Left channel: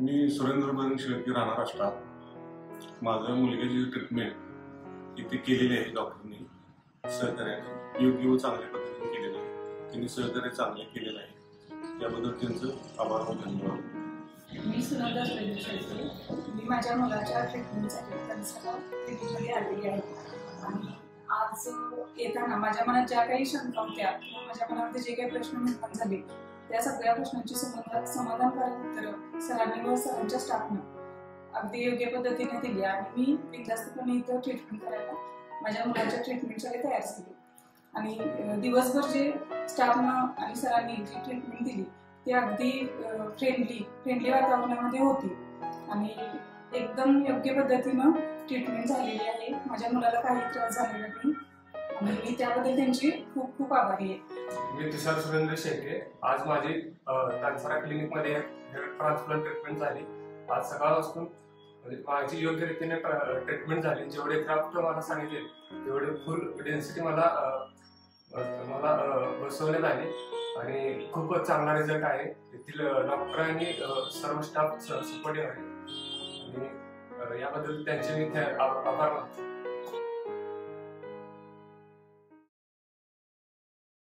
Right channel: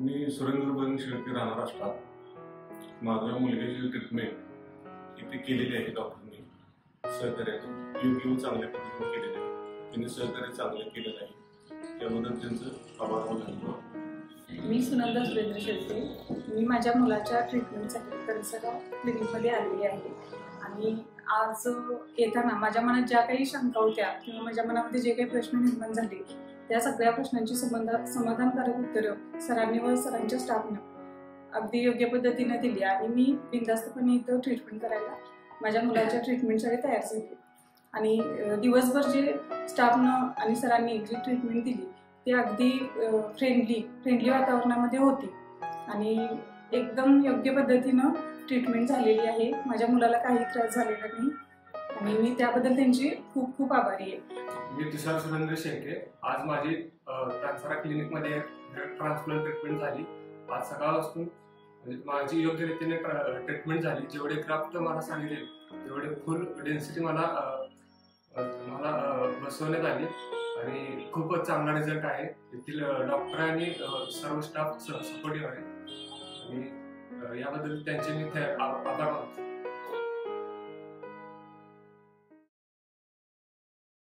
मी सुरेंद्र बन शेळके राहणार असतात। माझ्या मुलग्याची ट्रीटमेंट इथे केलेली आहे डॉक्टरनी सहकार्याने योग्य व चांगल्या पद्धतीने केलेली आहे। त्यांनी सहकार्य चांगले केलेलं आहे, त्याबद्दल त्यांचं आभार व धन्यवाद। मी सुनंदा सुरेंद्र शेळके, मी माझ्या मुलाच्या ट्रीटमेंटसाठी तनसगाव क्लिनिकमध्ये आलेली आहे आणि आज येताना माझ्या मनात ज्या काही शंका होत्या किंवा माझ्या मनामध्ये जे काही प्रश्न निर्माण झाले त्या सगळ्या प्रश्नांची समाधानकारक उत्तरं सरांनी व सरांच्या स्टाफनं अगदी योग्य पद्धतीने दिली आणि मी बिनधास्तपणे इथं ट्रीटमेंट करायला माझ्या मुलाच्या ट्रीटमेंटसाठी तयार झाले। आणि दिवसभर जे स्टाफनं आणि सरांनी जी ट्रीटमेंट दिली ती अगदी फ्रेंडली वातावरणामध्ये होती आणि एकदम योग्य पद्धतीनं ट्रीटमेंट झालेली आहे। माझ्या मुलाला काही त्रास झालेला नाही आणि मी त्याबद्दल त्यांची खूप खूप आभारी आहे। मी तुषार सुरेंद्र शेळके। आज माझी तानसरा क्लिनिकमध्ये हेअर ट्रान्सप्लांट ट्रीटमेंट झाली। आज सकाळपासून म्हणजे माझी योग्य रीतीने ट्रीटमेंट झाली। जेवढे क्राफ्ट मला सांगितले तेवढे फुल डेन्सिटी मला बसवण्यात आली आणि खूपच चांगला रिझल्ट आहे। येथील डॉक्टर आणि सर्व स्टाफ सपोर्टिव्ह आहे आणि याबद्दल त्यांचे मी आभार मानतो।